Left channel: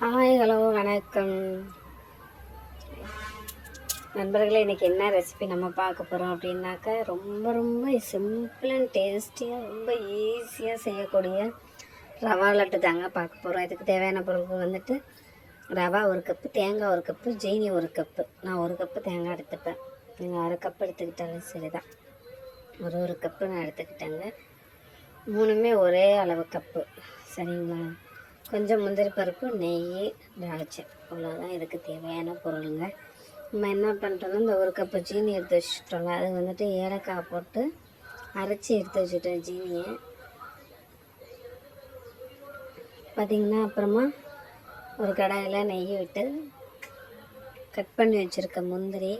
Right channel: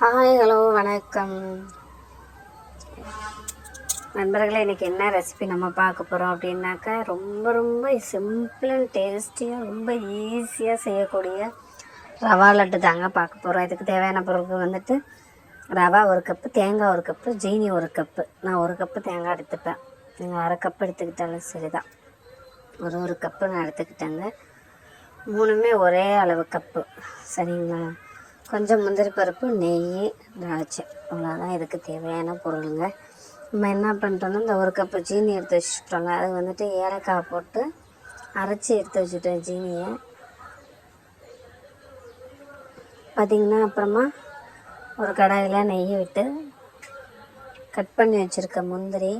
Hi hello வணக்கம். நண்பர்களே இன்றைக்கி என்ன ரெசிபி நம்ம பார்க்க போகிறோம் அப்படின்னாக்கா ரொம்ப ரொம்ப சிம்பிள் அண்ட் டேஸ்டியாக ரொம்ப ஈஸியாக செய்யக்கூடிய ரவா லட்டு தாங்க பார்க்க போகிறோம் இதுக்கு தேவையான பொருட்கள் வந்துட்டு ரவா ஒரு கப்பு தேங்காய் ஒரு கப்பு ஜீனி ஒரு கப்பு நான் ஒரு கப்பு தேங்காய் எடுத்துப்பேன். நீங்கள் அரை கப்பு எடுத்துக்கிட்டாலும் சரிதான். ஒரு ஒரு கப்பு நான் எடுத்துக்கிட்டேங்க. மூணுமே ஒரே அளவு கப்பு சரிங்களா? கொஞ்சம் முந்திரி பருப்பு நெய் திராட்சை. அவ்வளோதான் இதுக்கு தேவையான பொருளுங்க. நம்ம என்ன பண்ணிட்டோம்னா இந்த ஒரு கப்பு சீனி எடுத்து வச்சுட்டோங்க அது வந்துட்டு ஏலக்காய் போட்டு அரைச்சி எடுத்து வச்சுட்டேன் சீனியை. பார்த்திங்கன்னா அப்புறமா ஒரு கடாயில் நெய் விட்டு கட் பண்ணி வச்சுருக்க முந்திரி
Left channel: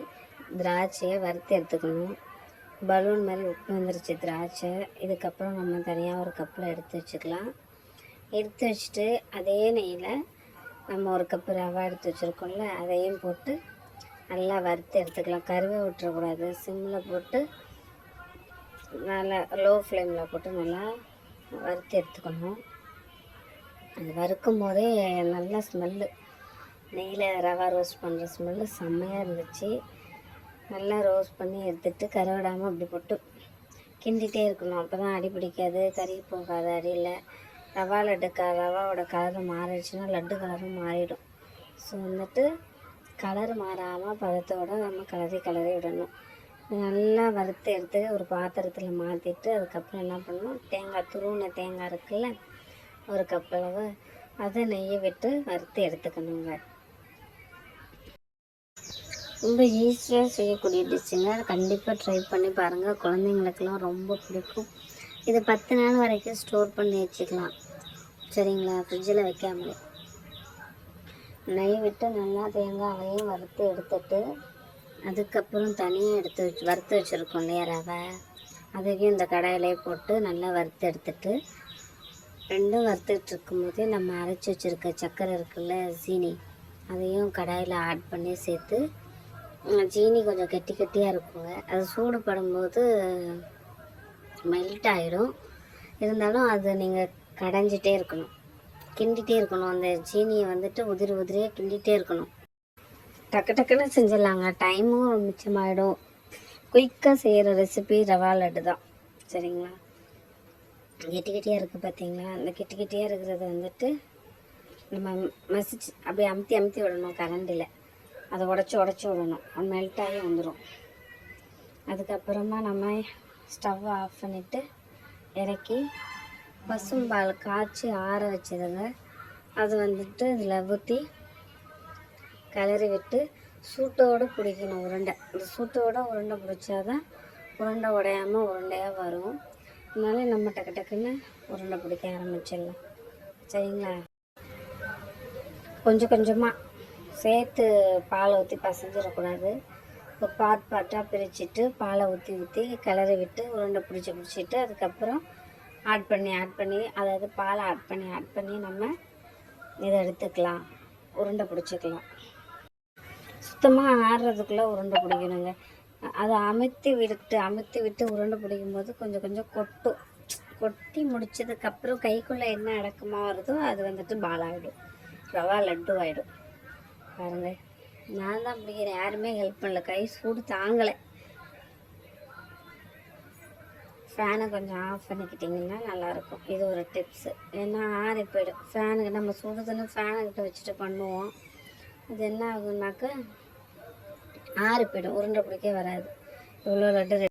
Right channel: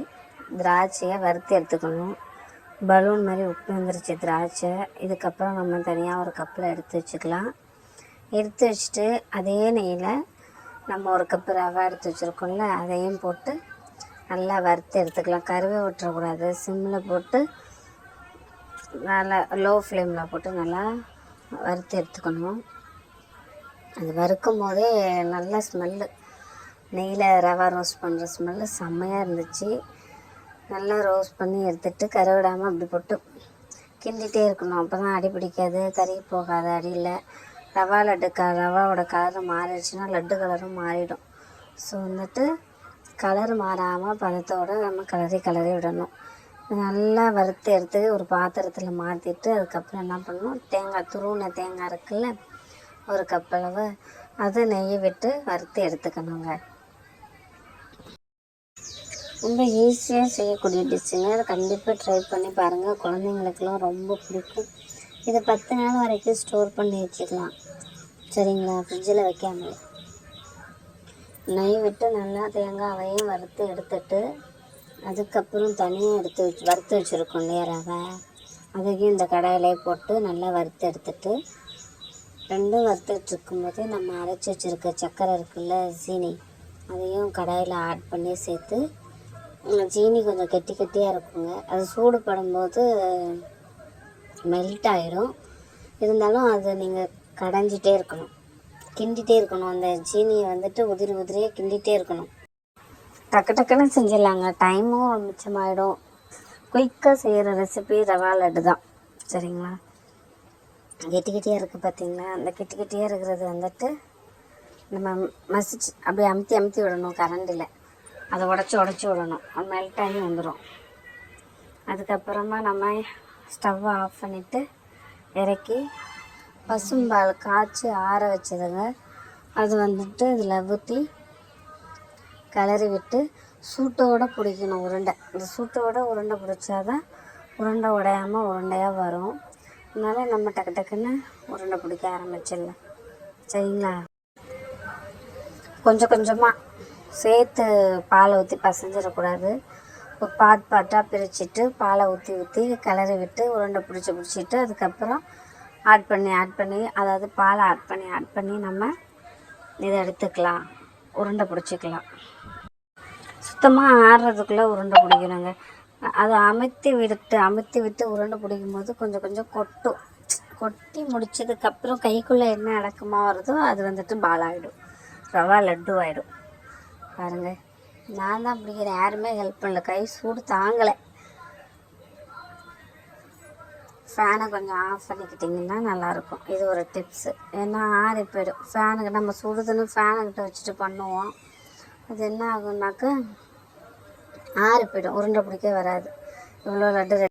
திராட்சையை வறுத்து எடுத்துக்கணும். பலூன் மாதிரி உப்பு வந்துருச்சு திராட்சை. இதுக்கப்புறம் நம்ம தனியாக ஒரு கப்பில் எடுத்து வச்சுக்கலாம். எடுத்து வச்சுட்டு அதே நெய்யில் நம்ம ஒரு கப்பு ரவா எடுத்து வச்சுருக்கோம்ல அதையும் போட்டு நல்லா வறுத்து எடுத்துக்கலாம். கருவே விட்டுறக்கூடாது சிம்மில் போட்டு நல்லா லோ ஃப்ளேமில் போட்டு நல்லா வறுத்து எடுத்துக்கணும். அது வறுக்கும் போதே நல்ல ஸ்மெல்லு நெய்யில் ரவா ரோஸ்ட் பண்ணுற ஸ்மெல்லு செம்மையாக இருந்துச்சு. நல்லா ரோஸ்ட் பண்ணி எடுத்துட்டு கரை விடாமல் அப்படி போட்டு கிண்டிகிட்டே இருக்கணும். அப்போ தான் அடி பிடிக்காது கறி போகாது அடியில். ரவா லட்டு க ரவாவோட கலர் மாறிடுச்சுன்னா லட்டு கலரும் மாறிடும். ஸோ வந்துட்டு கலர் மாறாமல் பதத்தோடு நம்ம கலரி கலரி விடணும். நல்லா வறுத்து எடுத்து ஒரு பாத்திரத்தில் மாற்றிட்டு அதுக்கப்புறம் என்ன பண்ணணும்? தேங்காய் துருவின தேங்காய் இருக்குல்ல ஒரு கப் அளவு அது நெய்யை விட்டு வறுத்து எடுத்துக்கணுங்க. ரொம்ப ஈஸியாக செய்யக்கூடிய டிஷ்ஷுங்க அதை கண்டிப்பாக ட்ரை பண்ணி பாருங்கள் குழந்தைங்களுக்கெல்லாம் ரொம்ப பிடிக்கும். இதை பத்து நாள் வரைக்கும் ஸ்டோர் பண்ணி வச்சுக்கலாம். சரிங்களா? ஃப்ரிட்ஜில் வைக்காமலே. நெய் விட்டு நல்லா தேங்காயையும் வறுத்து எடுத்துட்டு அதுக்கப்புறம் தனியாக எடுத்து வச்சு வறுத்து வச்சுருக்கோம் இல்லையா ரவை? அதையும் இந்த கடாயிலே போட்டு நல்லா வறுத்து எடுத்துட்டு ரெண்டும் வறுத்துட்டு இருக்கும்போது நம்ம அரைச்சி வச்சுருக்க சர்க்கரை இருக்குல்ல சீனி அதையும் கடாயில் ஆட் பண்ணி சேர்த்து சீனி கொஞ்சம் கெட்டி கெட்டியாக இருக்குங்க. அது சூடுபடும்போது மெல்ட் ஆயிரும். இருந்தாலும் அது நீங்கள் கடைஞ்சிட்டே இருக்கணும். கிண்டிகிட்டே இருக்கணும். அந்த சீனியை வந்துட்டு உதிரி உதிரியாக கிண்டிகிட்டே இருக்கணும். டக்கு டக்குன்னு செஞ்சிடலாங்க. டைமும் மிச்சமாயிடும். குயிக்காக செய்கிற ரெசிபி ரவா லட்டு தான். சரிங்களா? கெட்டி கெட்டியாக இருக்குது பார்த்தீங்களா அந்த கெட்டி கெட்டியாக இருக்கிறது வந்துட்டு நம்ம மசிச்சு அப்படியே அமுத்தி அமுத்தி விடணும் கரண்டில். அதை உடச்சி உடச்சி விடணும். அது மெல்ட் ஆகி வந்துடும் அதுக்கப்புறமா நம்ம ஸ்டவ்வை ஆஃப் பண்ணிவிட்டு இறக்கி பசும்பால் காய்ச்சி ஆற வச்சுருங்க. அது வந்துட்டு இதில் ஊற்றி கிளறி விட்டு சூட்டோடு பிடிக்கணும் உருண்டை. இந்த சூட்டோட உருண்டை பிடிச்சாதான் உருண்டை உடையாமல் உருண்டையாக வரும். அதனால நம்ம டக்கு டக்குன்னு உருண்டை பிடிக்க ஆரம்பிச்சிடலாம். சரிங்களா? கொஞ்சம் கொஞ்சமாக சேர்த்து பாலை ஊற்றி பசஞ்சிடக்கூடாது. இப்போ பாட் பாட்டாக பிரிச்சுட்டு பாலை ஊற்றி ஊற்றி கிளறி விட்டு உருண்டை பிடிச்சி பிடிச்சிட்டு அதுக்கப்புறம் ஆட் பண்ணி ஆட் பண்ணி அதாவது பாலை ஆட் பண்ணி ஆட் பண்ணி நம்ம இதை எடுத்துக்கலாம். உருண்டை பிடிச்சிக்கலாம். சுத்தமாக ஆடுறதுக்குள்ளே உருண்டை பிடிக்கணுங்க. அதை அமுத்தி விட்டு அமுத்தி விட்டு உருண்டை பிடிக்கும் போது கொஞ்சம் கொஞ்சம் கொட்டும். கொட்டி முடிச்சதுக்கப்புறம் கைக்குள்ளே என்ன அடக்கமாக வருதோ அது வந்துட்டு பாலாகிடும் ரவா லட்டு ஆகிடும் பாருங்கள் நான் தான் பிடிக்கிறேன். யாருமே ஹெல்ப் பண்ணல. கை சூடு தாங்கலை. ஃபேனை கொஞ்சம் ஆஃப் பண்ணிக்கிட்டிங்கன்னா நல்லாயிருக்கும். இது ஒரு டிப்ஸு ஏன்னா ஆறி போயிடும். ஃபேனுக்கு நம்ம சுடுதுன்னு ஃபேனுக்கிட்ட வச்சுட்டு பண்ணுவோம். அது என்ன ஆகும்னாக்க ஆறி போயிடும். உருண்டை பிடிக்க வராது. இவ்வளோ லட்டு